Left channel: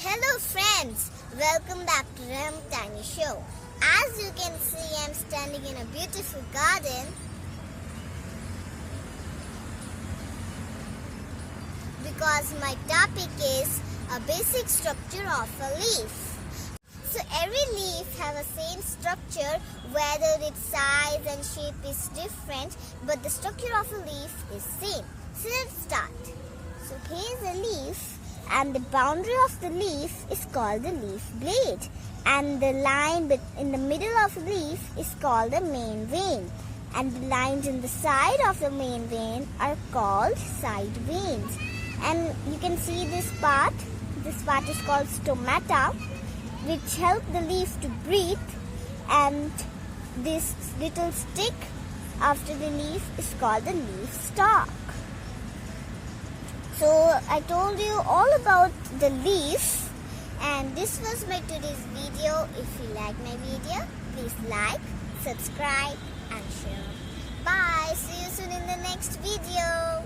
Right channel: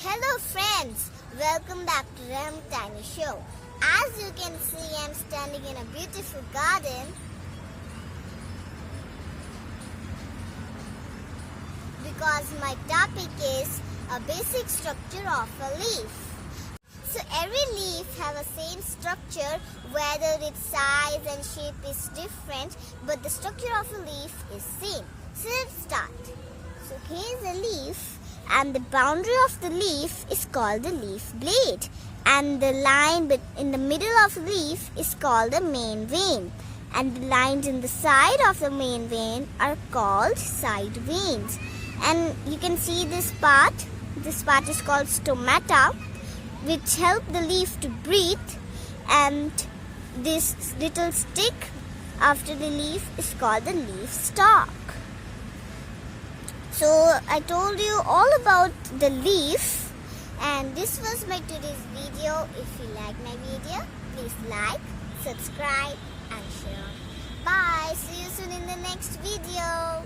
Hello friends, welcome back to Rehmat Tiny Show. As you can see, I'm standing in a beautiful garden because my topic is a basic structure of a leaf. So every leaf have a same structure, whether its size and shape is different, but the structure of a leaf is same. So let's start. So here's a leaf, and the boundary of the leaf is called the leaf blade, and the line in the middle of the leaf is called the main vein, and the lines in the side of the main vein are called side veins. And you can see this part is called stomata, which help the leaf to breathe, and this little stick after the leaf is called the leaf stalk. So I told you all about the leaf, and this was my today's video. If you like my video, please like, subscribe and share. Bye. See you soon in the next video.